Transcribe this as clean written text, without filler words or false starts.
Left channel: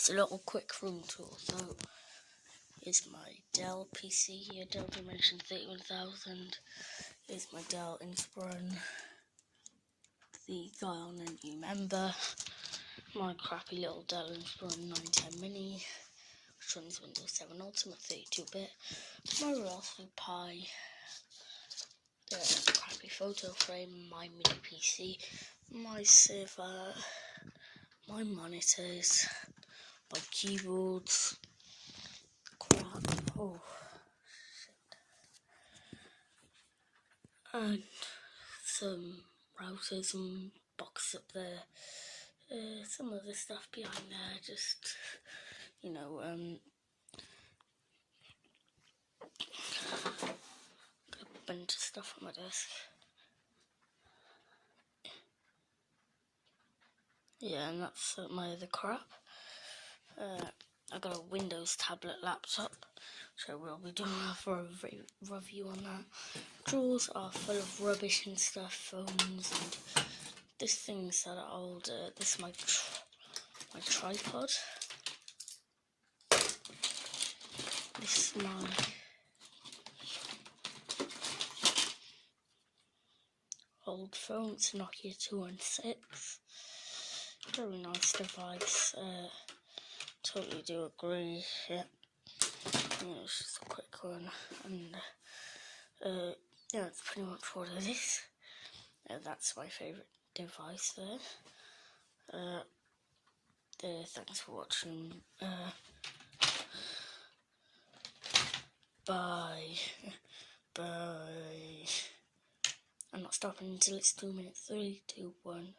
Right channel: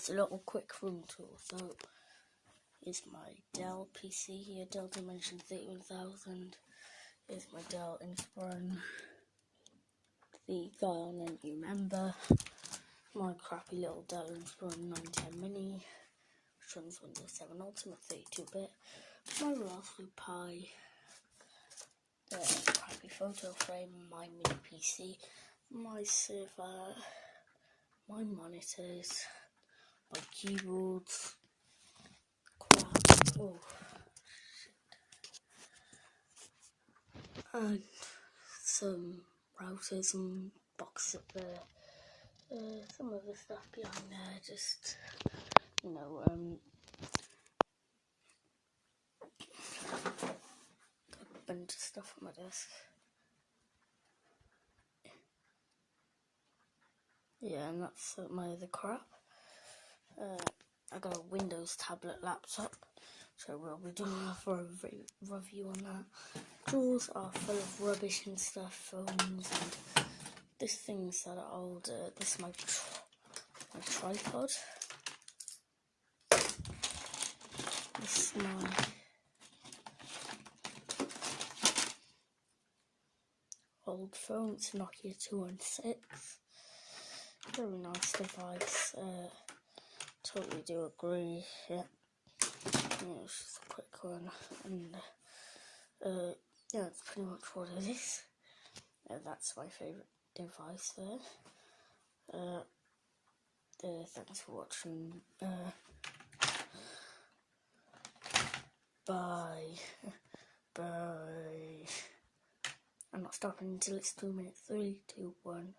guys, a little quick room tour. So, here's my Dell PC here, Dell Dimension 31000. Here's my Dell Inspiron, the Zion and new member. My crappy little Dell Inspiron 910 Mini, which runs Windows 7 Ultimate 32-bit. My Raspberry Pi, the crappy photo frame, my mini PC, my server, my monitors, my keyboards, and some routers and boxes up there. Some other stuff behind there, just, you know, a bunch of stuff on my desk. Yeah, and that's my other crap. I got a Windows tablet laptop, so we'll be doing a review on that. Drawers are full of rubbish and stuff, phones and these things that are old. This is my tripod. This is my old phone. It's Nokia 216. Very nice device. Totally do agree. Yeah, it's just a quick one, and yeah, that's pretty much what it is. That's my favourite device there. Thanks for watching. Bye. Bye. I'm not stopping until it's 2 minutes. 3, 2, 1.